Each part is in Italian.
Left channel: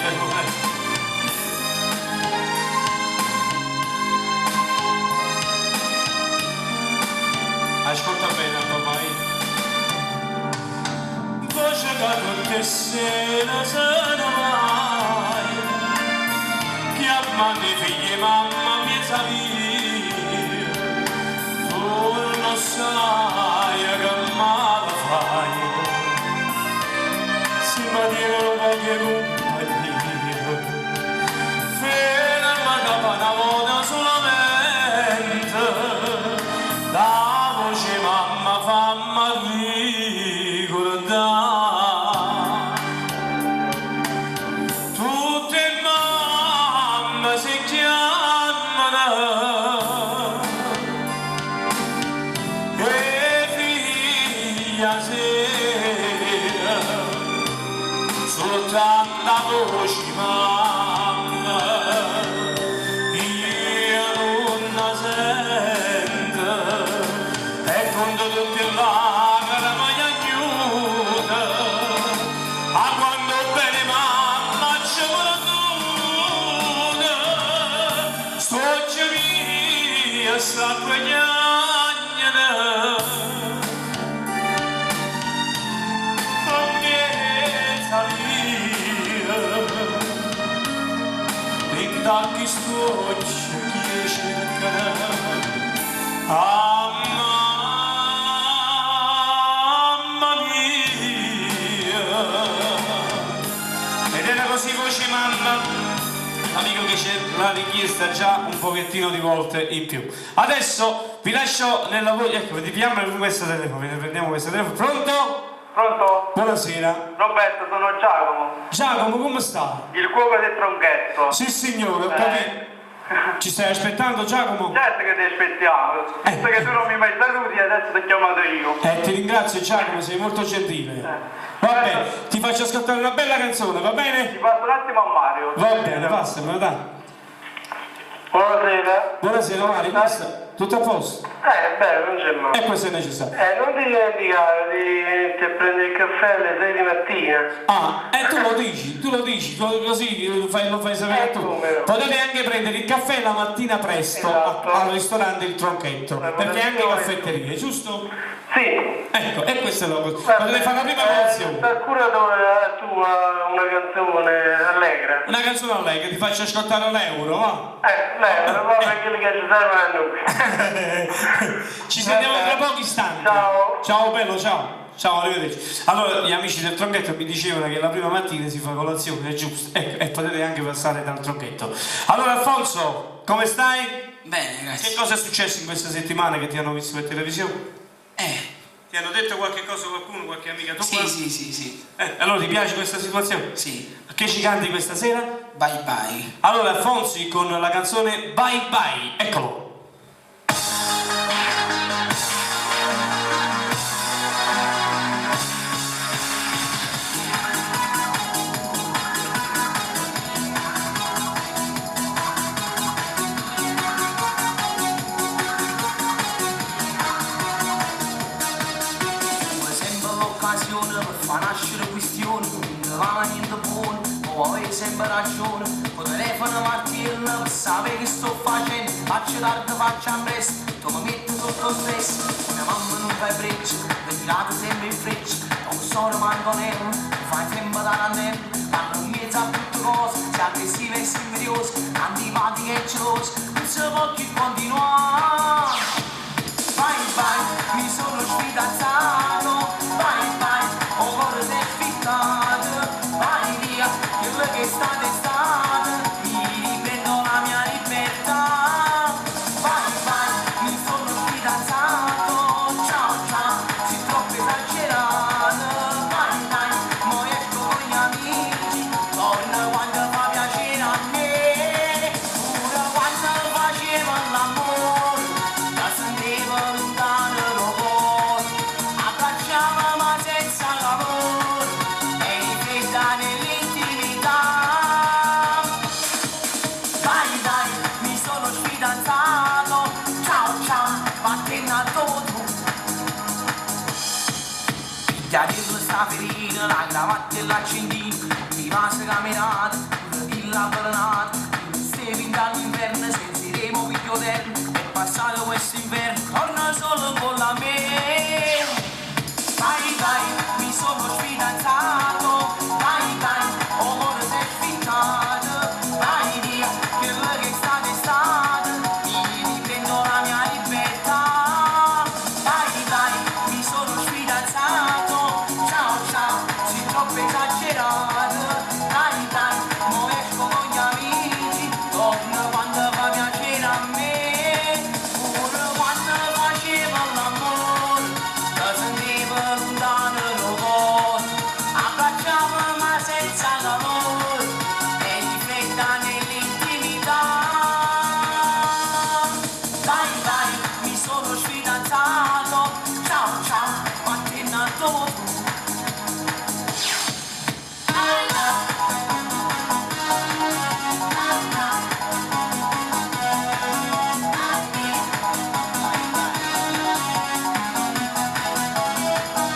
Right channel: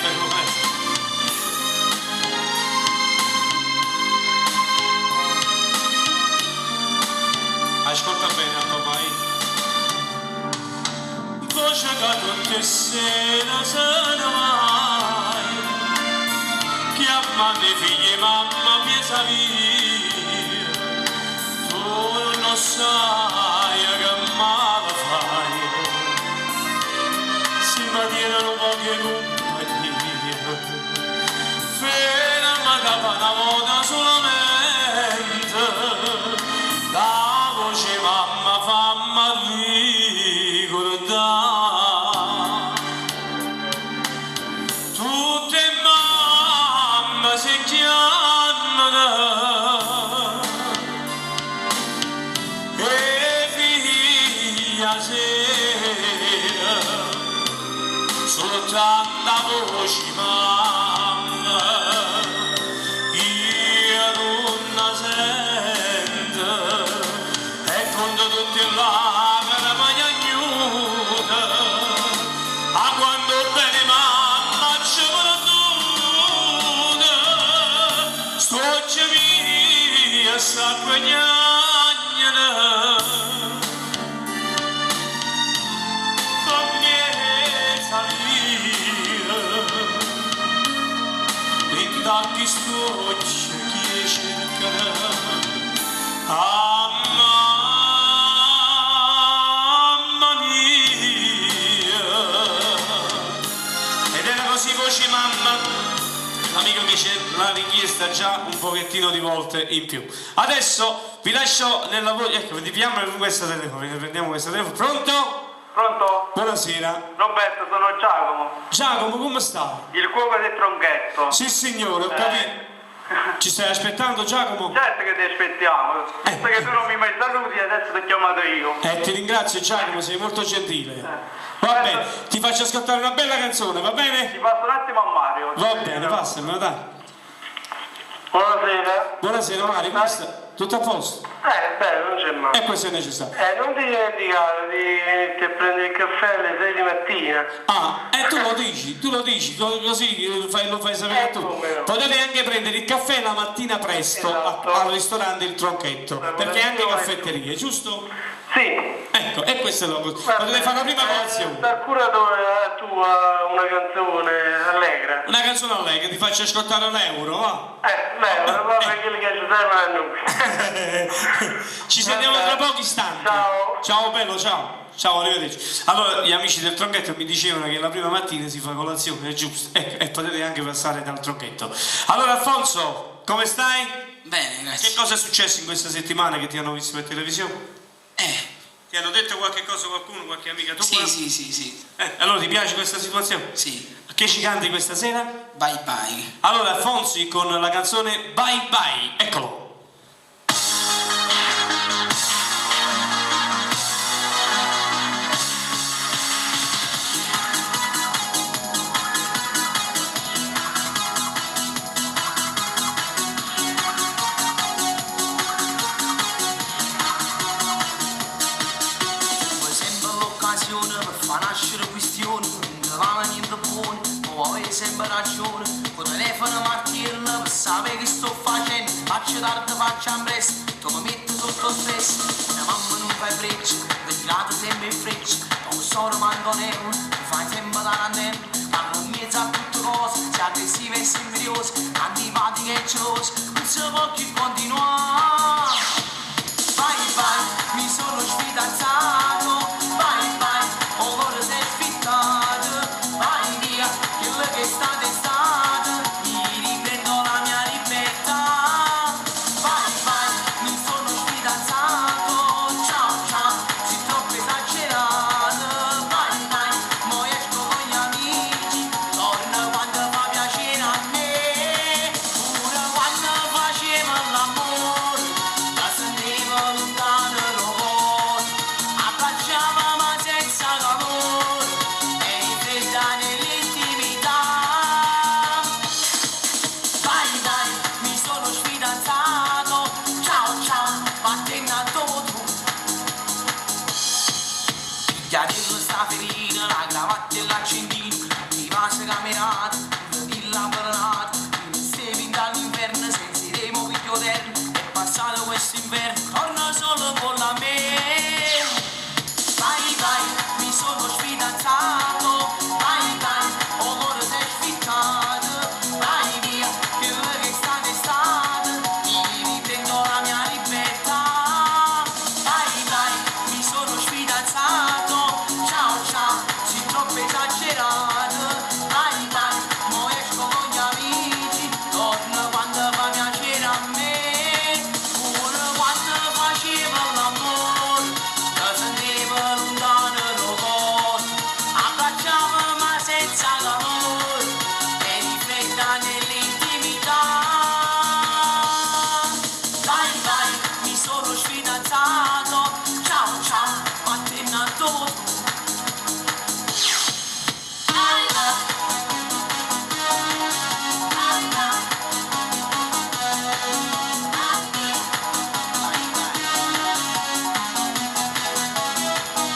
niente, ascolta bene ormai. Voce che tutte sera sono mai, chiamando i figli mamma piesa via, tu non sai che male fai, si mantengono poche compagnie, ferma da una volta solamente, la voce mamma fammi ricordare, tutte mamme si chiamano e figlia sera, soltanto la voce mamma io non la sento, e quando tutti lacrime mi aiuta, a quando bene mamma ci perdona, sto via sta guadagnando, con miezza via, in tanti scocci che cercano, mamma mia. Ed era così voce mamma, l'amico che c'è l'ha richiesta già un pochettino di volte in più. Adesso vi lascio nella voce, ecco, vediamo questo telefono, prendiamo questo telefono. Pronto? Pronto? Buonasera. Roberto, sono Giacomo, Giacomo, come stai? il cuoco del tronchetto. Sì signore, ho capito. Ci stai aspettando Giacomo? Certo che ti aspettiamo, visto che tu non mi hai mai saluti, adesso ti ho chiamato io. Ti ringrazio Giacomo, sei molto gentile. Va bene, ti faccio ascoltare una bella canzone, va bene? Ti passo un attimo a Mario. Va bene, passamela, dai. Buonasera. Buonasera Mario, come stai? Tutto a posto? Beh, non c'è male. E questo è necessario. Non ti dimenticare di venirti a prendere il caffè alle 6 di mattina. Ah, e tu lo dici, così lo fai sapere tu. come no. Potete anche prendere il caffè la mattina presto Esatto. al ristorante Il Tronchetto, perché è anche caffetteria, giusto? Sì. Ecco, e questa è la cosa. Potete fare la prima colazione. Per cura tua una canzone allegra. Una canzone allegra, ti faccio ascoltare l'euro, va? Proprio quelli che ci servono a noi. Ci sentiamo tra pochi istanti. Ciao. Ciao bello, ciao. Ciao, arrivederci. Allora, gli amici del Tronchetto mi dicevano che la prima mattina si fa colazione, è giusto. Ecco, e potete anche passare dal Tronchetto. Allora, Alfonso, come stai? Bene, grazie. Che cosa è successo in questa settimana che ti hanno visto per televisione? Ti hanno detto qualche cosa qualcuno, qualche amica tua? Sì. Allora, ti piace questa situazione? Sì. Che ci canti questa sera? Bye bye. Allora, Alfonsi con la canzone Bye Bye, eccolo. Fa nascere questioni, non va niente buono, ma avevi sempre ragione. Con telefono martirno per sapere che sto facendo, faccio tardi, faccio presto, tu mi metti sotto stress. Una mamma non fai breccia, per tirato sempre in freccia, non so mangonello, mi fai sempre tarantello, parlo in mezzo a tutte cose, sei aggressiva e invidiosa, antipatica e gelosa, non si può più continuare. Bye bye, mi sono sfidanzato, bye bye. O cuore sei spiccato, vai via, quello che è stato, mi riprendo la mia libertà. Vai, mi sono sfidanzato, ciao, sei troppo esagerato. Vai, mo esco con gli amici, torno quando fa piacere a me. Pure quando facciamo l'amore, chiarilla sta ferita, la cravatta e l'accendino, i vasi camerati, il lampanato, stiamo dall'inverno, sentiremo piglio terno, è passato questo inverno, torna solo con la me. Vai, vai, mi sono sfidanzato, vai, vai, ora sei sfittato, vai via, quello che è stato, mi riprendo la mia libertà. Vai, vai, mi sono sfidanzato, ciao, ciao, sei troppo esagerato, vai, vai, mo esco con gli amici, torno quando fa piacere a me, pure quando facevo l'amore, lo sentivo lontano lo cuore, abbracciavo ma senza calore, e rifletta nell'intimità. Vai, vai, mi sono sfidanzato, ciao, ciao, ma te ne adoro.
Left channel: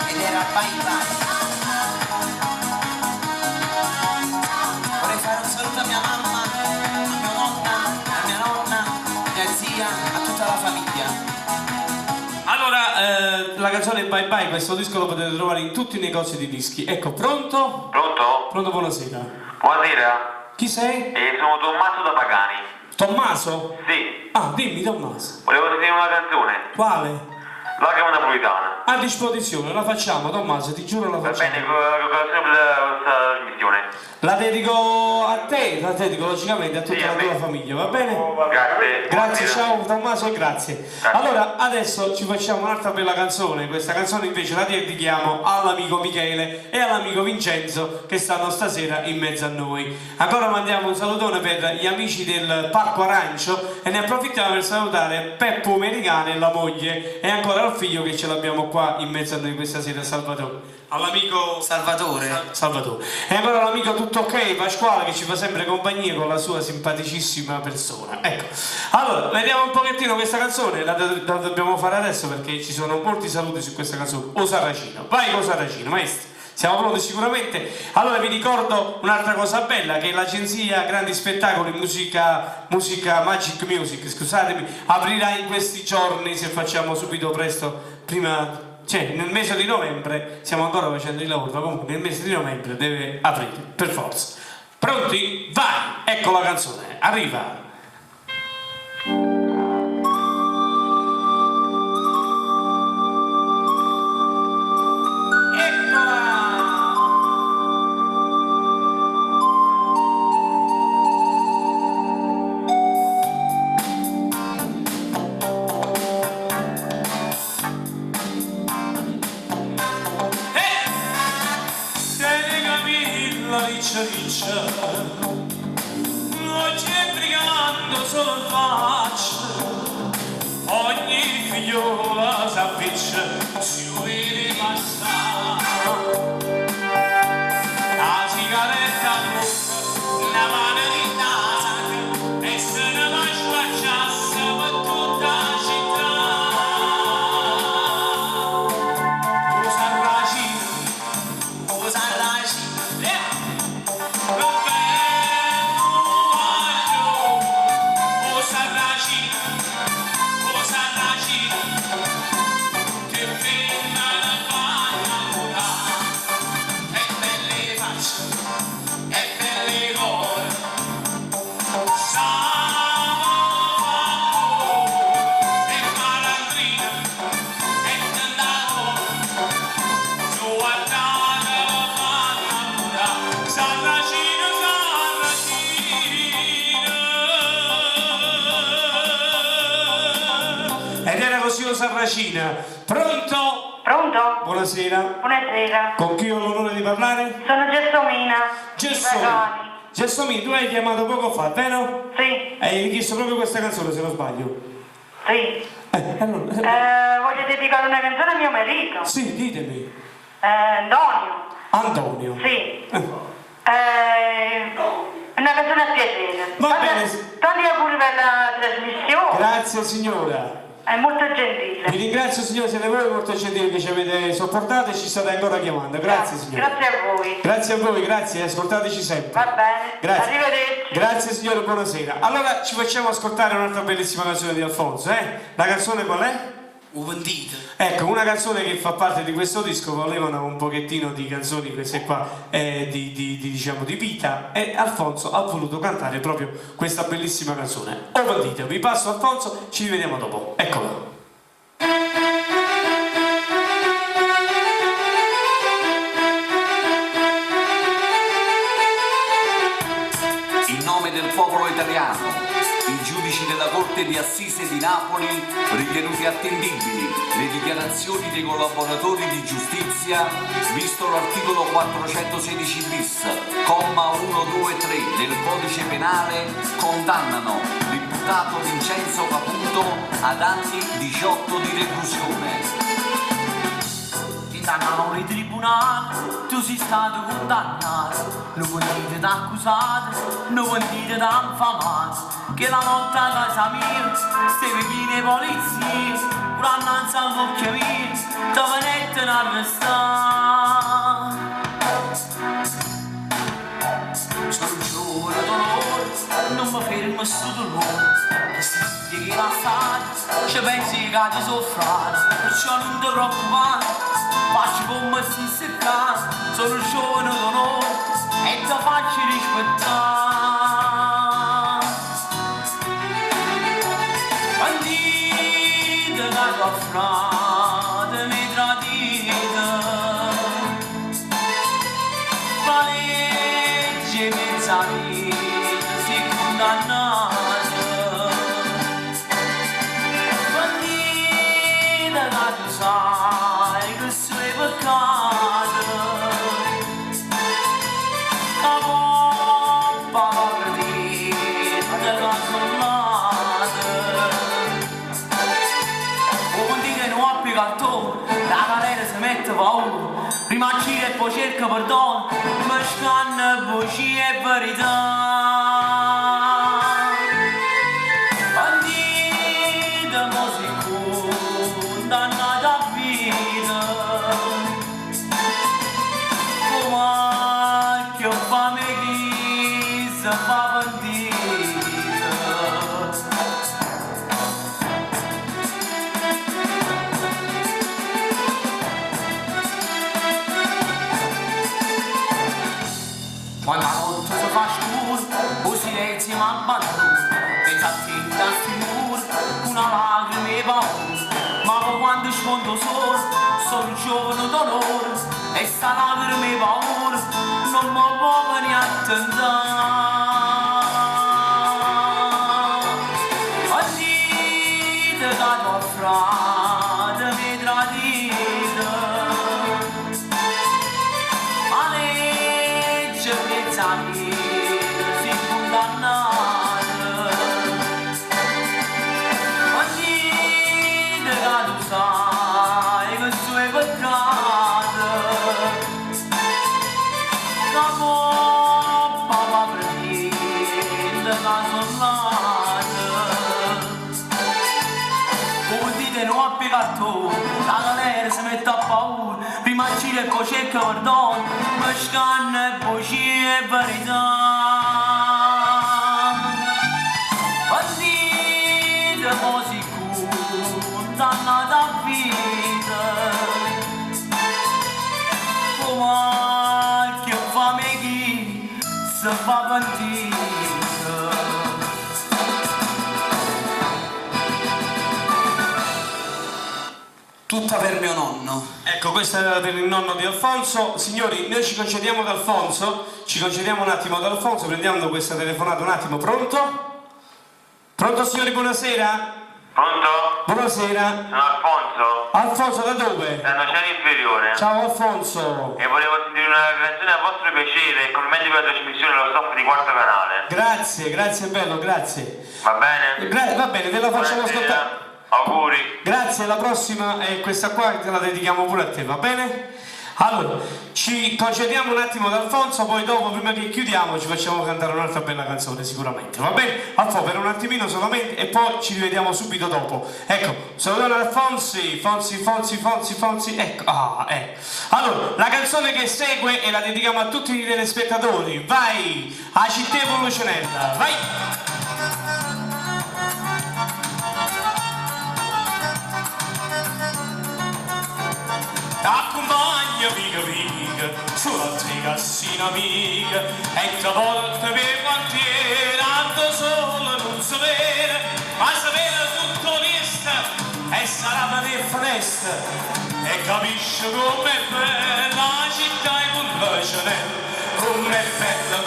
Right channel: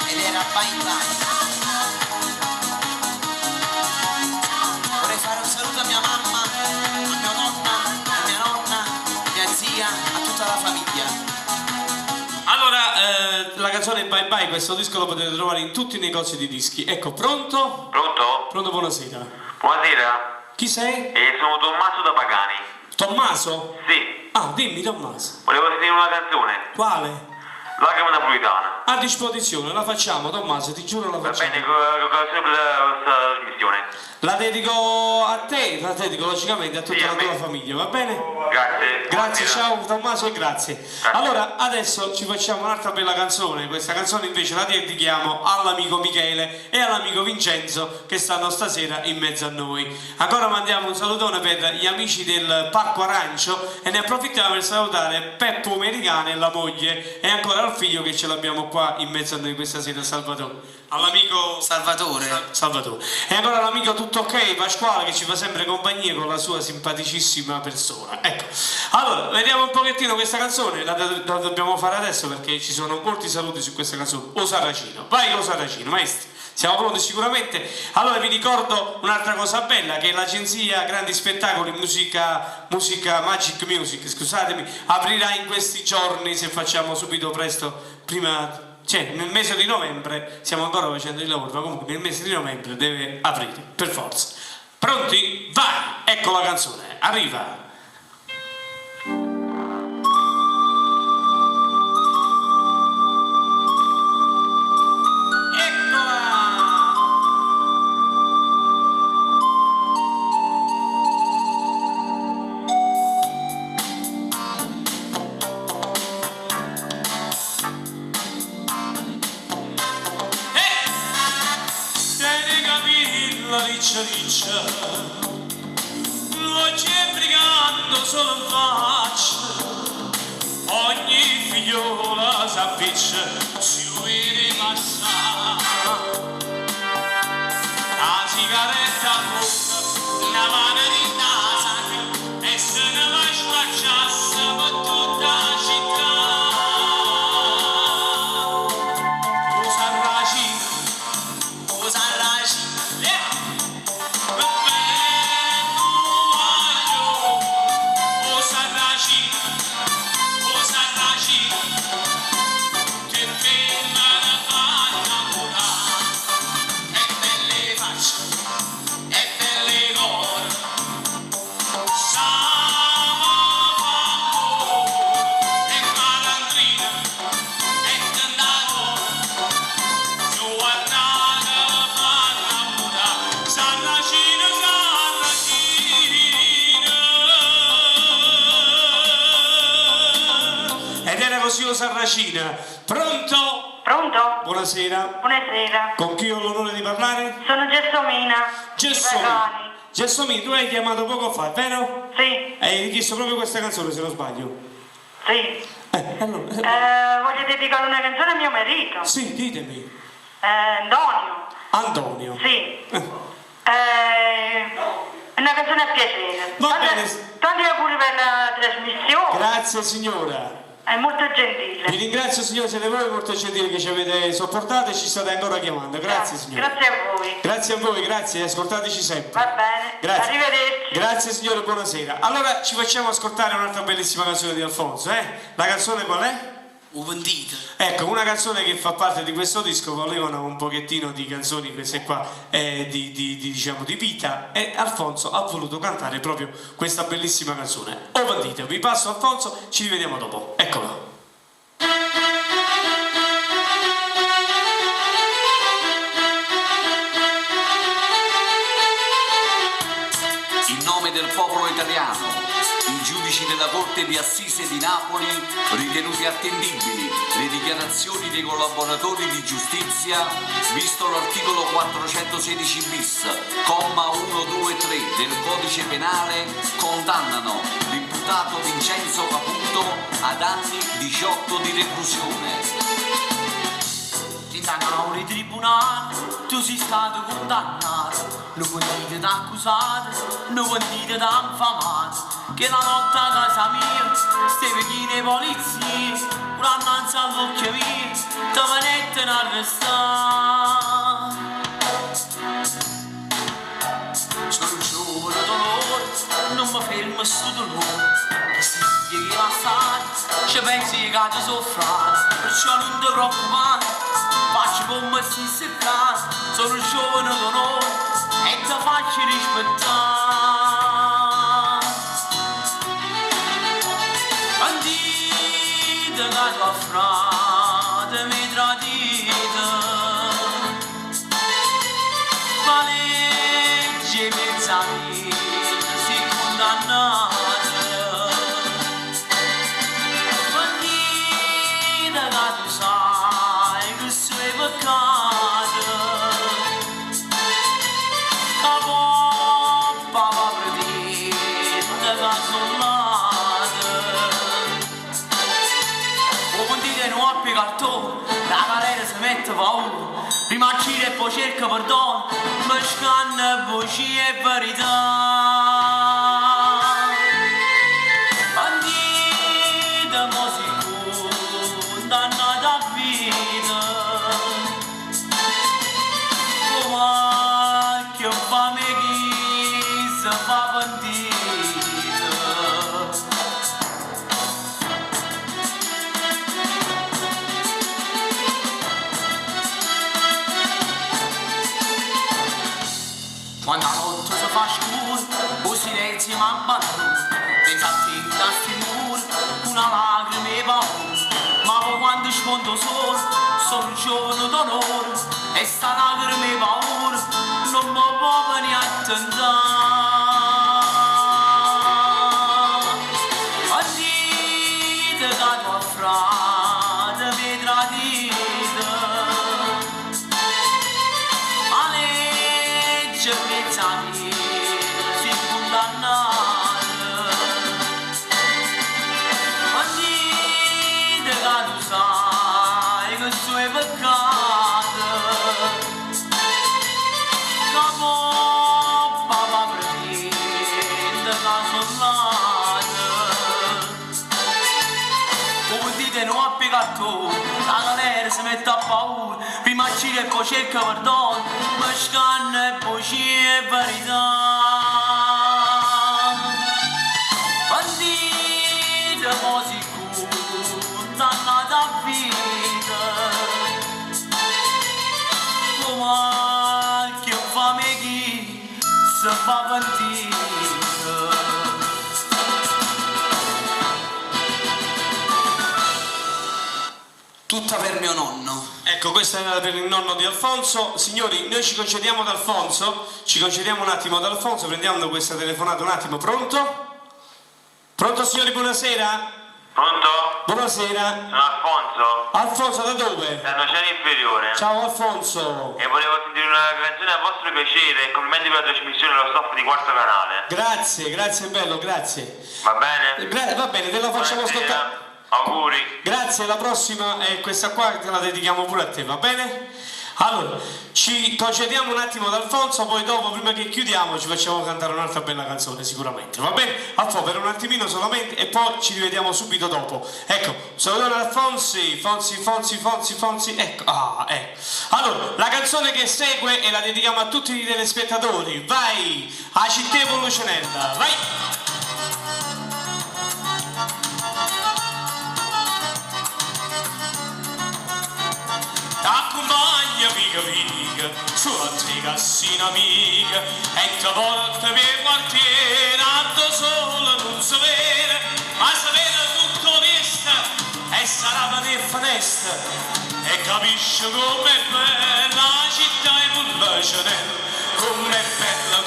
Ed era bye bye. Vorrei fare un saluto a mia mamma, a mia nonna, mia zia, a tutta la famiglia. Allora, la canzone Bye Bye, questo disco lo potete trovare in tutti i negozi di dischi. Ecco, pronto? Pronto? Pronto, buonasera. Buonasera, Chi sei? sono Tommaso da Pagani. Tommaso? Sì, Ah, dimmi Tommaso. volevo sentire una canzone, Quale? Lacrima napolitana. A disposizione, la facciamo Tommaso, ti giuro la Va facciamo. bene, sempre questa trasmissione. La dedico a te, la dedico logicamente a tutta Sì, a la me. tua famiglia, va bene? Grazie. Grazie, Buonasera. ciao Tommaso e grazie. Allora, adesso ci facciamo un'altra bella canzone. Questa canzone invece la dedichiamo all'amico Michele e all'amico Vincenzo che stanno stasera in mezzo a noi. Ancora mandiamo un salutone per gli amici del Parco Arancio e ne approfittiamo per salutare Peppo Americano e la moglie e ancora al figlio che ce l'abbiamo qua in mezzo a noi questa sera, Salvatore. All'amico Salvatore. Salvatore. E ancora l'amico tutto ok, Pasquale, che ci fa sempre compagnia con la sua simpaticissima persona. Ecco, allora, vediamo un pochettino questa canzone, la dobbiamo fare adesso perché ci sono molti saluti su questa canzone. O Sarracino, vai con Sarracino, maestri. Siamo pronti sicuramente. Allora vi ricordo un'altra cosa bella, che l'agenzia Grandi Spettacoli Musica Magic Music, scusatemi, aprirà in questi giorni, se facciamo subito presto, prima... Cioè, nel mese di novembre, stiamo ancora facendo il lavoro, ma comunque nel mese di novembre deve aprire, per forza. Pronti? Vai! Ecco la canzone, arriva! La riccia riccia, lo c'è brigando solo in faccia, ogni figliola s'affaccia, si lo vede passare, la sigaretta a bocca, una mano di nasaca, e se ne va a squarciasse per tutta la città. Ed era così o Sarracina. Pronto? Pronto? Buonasera. Buonasera. Con chi ho l'onore di parlare? Sono Gelsomina. Gelsomina. Di Pagani. Gelsomina, tu hai chiamato poco fa, vero? Sì, Hai richiesto proprio questa canzone, se non sbaglio. sì. Allora, Voglio dedicare una canzone a mio marito. sì, ditemi. Antonio. Antonio. Sì. Una canzone a piacere. Va bene. Tanti auguri per la trasmissione. Grazie signora. È molto gentile. Vi ringrazio signore, siete voi molto gentili che ci avete sopportato e ci state ancora chiamando. Grazie signore. Grazie a voi. Grazie a voi, grazie, ascoltateci sempre. Va bene. Grazie. Arrivederci. Grazie signore, buonasera. Allora ci facciamo ascoltare un'altra bellissima canzone di Alfonso, eh? La canzone qual è? Uvendite. Ecco, una canzone che fa parte di questo disco, volevano un pochettino di canzoni queste qua diciamo di vita, e Alfonso ha voluto cantare proprio questa bellissima canzone. O bandito, vi passo Alfonso, ci rivediamo dopo. Eccolo. In nome del popolo italiano, i giudici della Corte di Assise di Napoli, ritenuti attendibili le dichiarazioni dei collaboratori di giustizia, visto l'articolo 416 bis, comma 1, 2, 3 del Codice Penale, condannano l'imputato Vincenzo Caputo ad anni 18 di reclusione. Da Nauri tribunale, tu sei stato condannato, non venite da accusato, non venite da infamato, che la notte a casa mia, stai vicino ai polizie, un'annanza a bocca mia, ti venite a arrestare. Sono giovane dolore, non mi fermo sto dolore, che si che la sai, ci pensi che ti soffrate, perciò non ti preoccupare. Faccio come si secca, sono giovane d'onore e ti faccio rispettare. Bandite che tua frate mi tradite, ma legge mezza vita si condannate. Bandite che tu sai che sei peccato, la poppa va perdita che sollate. O condite non appi cartone, la galera si mette paura, prima gira e poi cerca perdono, ma scanna voci e verità. Bandite mo si condannata a vita, come che fame chi si fa bandita. Quando la notte si fa scuro, o silenzio mi abbandona, pensa a te da sti muri, una lacrima e paura, ma poi quando sfondo solo, sono giovane d'onore, e sta lacrima e paura, non mi può venire a tentare. Bandite che tua frate mi tradite, ma legge mezza vita si condannate. Bandite che tu sai che sei peccato, la poppa va prendendo la sollate. Come dite non appi cartone, la galera si mette a paura, prima gira e poi cerca perdono, ma scanna e voci e verità. Bandite mo si condannata a vita, come che fame chi si fa bandita. Tutta per mio nonno. Ecco, questa era per il nonno di Alfonso. Signori, noi ci concediamo ad Alfonso, ci concediamo un attimo ad Alfonso, prendiamo questa telefonata un attimo. Pronto? Pronto signori, buonasera? Pronto? Buonasera. Sono Alfonso, Alfonso da dove? da Nocera Inferiore. Ciao Alfonso. E volevo sentire una canzone a vostro piacere e complimenti per la trasmissione allo staff di Quarto Canale. Grazie, grazie bello, grazie. Va bene? Va bene, te la facciamo Buonasera. ascoltare. Auguri. Grazie, la prossima è questa qua, te la dedichiamo pure a te, va bene? Allora, ci concediamo un attimo da Alfonso, poi dopo, prima che chiudiamo, ci facciamo cantare un'altra bella canzone sicuramente, va bene? Alfonso, per un attimino solamente e poi ci rivediamo subito dopo. Ecco, salutiamo Alfonsi, Fonsi, ecco, ecco. Allora, la canzone che segue e la dedichiamo a tutti i telespettatori, vai, a Città Lucenella, vai! T'accompagna amica, sulla tua cassina amica, e ti porta per quartiere, tanto solo non sapere, ma sapere tutto onesta, e sarà per festa, e capisci com'è bella la città e con la cenella, com'è bella,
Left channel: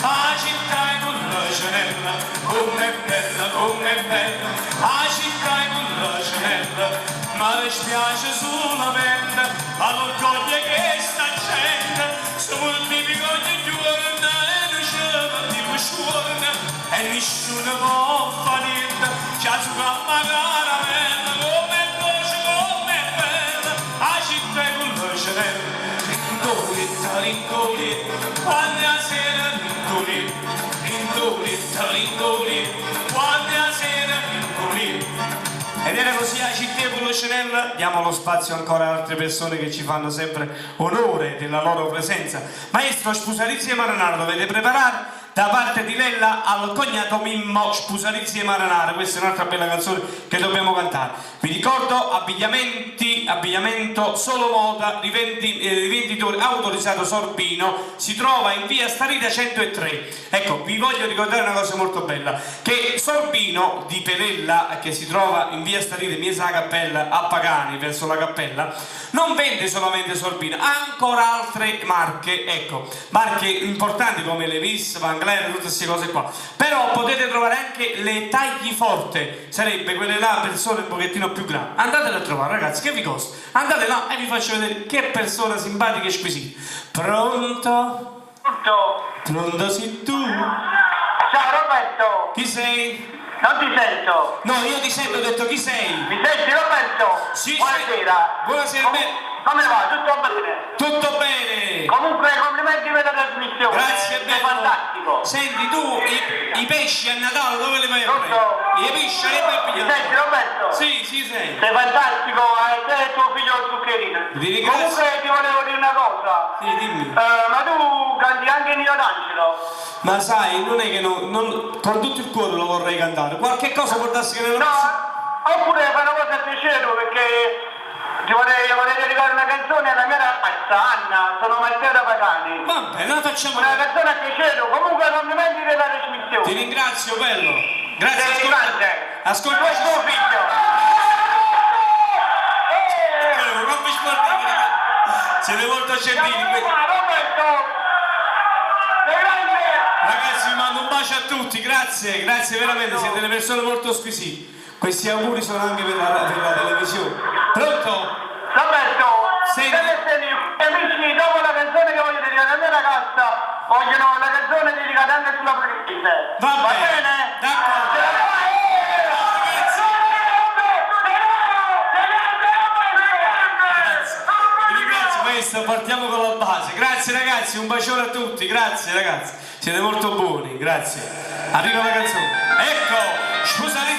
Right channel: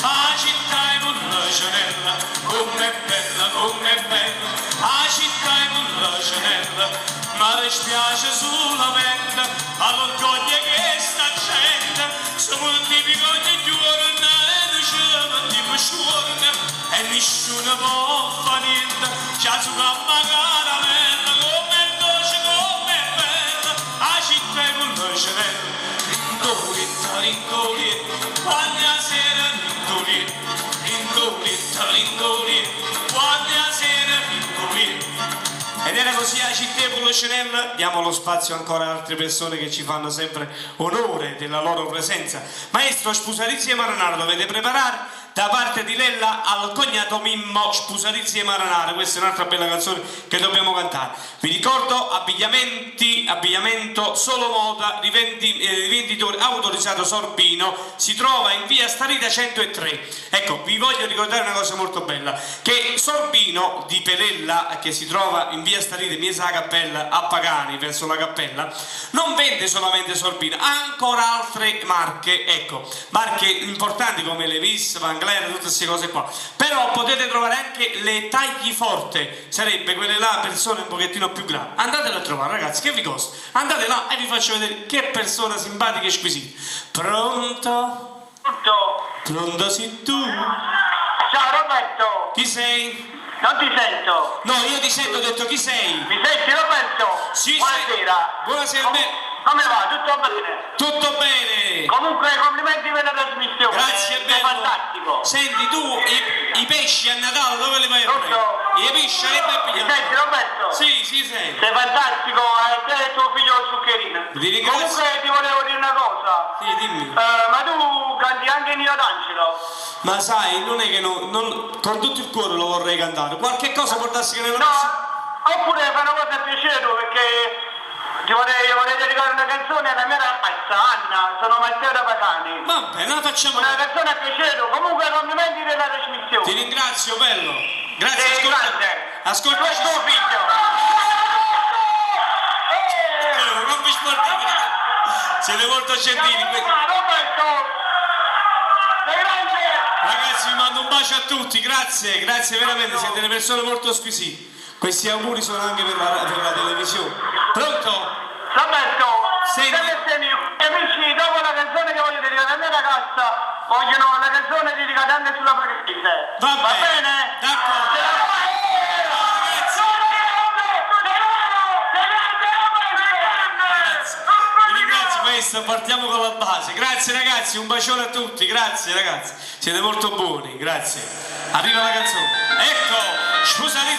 la città e con la cenella, com'è bella, la città e con la cenella. Ma le spiace sulla pelle all'orgoglio che sta gente su moltiplico ogni giorno e diceva tipo sciorno e nessuno può fare niente c'ha su camma caramella come dolce come bella a città con la cenella rindoletta quando la sera rindoletta quando la sera rindoletta. Ed era così a Città con Lucenella, diamo lo spazio ancora ad altre persone che ci fanno sempre onore della loro presenza. Maestro, Spusalizia e Maranaro dovete preparare da parte di Lella al cognato Mimmo Spusalizia e Maranaro. Questa è un'altra bella canzone che dobbiamo cantare. Vi ricordo abbigliamento solo moda, rivenditore autorizzato Sorbino, si trova in via Starita 103. Ecco, vi voglio ricordare una cosa molto bella, che Sorbino di Pelella, che si trova in via Starita, in via la Cappella, a Pagani, verso la Cappella, non vende solamente Sorbino, ha ancora altre marche, ecco, marche importanti come Levis, Van Gler, tutte queste cose qua. Però potete trovare anche le tagli forte, sarebbe quelle là persone un pochettino più grandi. Andatele a trovare, ragazzi, che vi costa? Andate là e vi faccio vedere che persona simpatica e squisita. Pronto? Pronto sei tu? Ciao Roberto! Chi sei? Non ti sento! No, io ti sento, ho detto chi sei? Mi senti Roberto? Sì, Buonasera! Buonasera, Come va? Tutto bene? tutto bene? Comunque complimenti per la trasmissione! Grazie, È bello. fantastico! Senti, tu i pesci a Natale dove li vai a Pronto? prendere? I pesci li vai a Mi pigliare? senti Roberto? Sì, sei. Sei fantastico, te e tuo figlio Zuccherino. Ti ringrazio. Comunque ti volevo dire una cosa. Sì, dimmi. Ma tu canti anche Nino D'Angelo? Ma sai, non è che con tutto il cuore lo vorrei cantare. Qualche cosa può darsi che non No, oppure fai una cosa a piacere tu, perché ti vorrei dedicare una canzone alla mia ragazza Anna, sono Matteo da Pagani. Va bene, la facciamo. Una canzone a piacere tu, comunque complimenti per la trasmissione. Ti ringrazio, bello. Grazie, Sei grande. ascolta. Tu e tuo figlio. Non vi sportivi, ragazzi. Siete molto gentili. Roberto! Sei grande! Ragazzi, vi mando un bacio a tutti, grazie veramente, siete delle persone molto squisite. Questi auguri sono anche per la televisione. Pronto? Roberto, Senti. amici, dopo la canzone che voglio dedicare alla mia ragazza, vogliono la canzone dedicata anche sulla Parisi. Va bene. bene? D'accordo. Vi ringrazio maestro, partiamo con la base. Grazie ragazzi, un bacione a tutti, grazie ragazzi. Siete molto buoni, grazie. Arriva la canzone. Ecco, Spusalizia.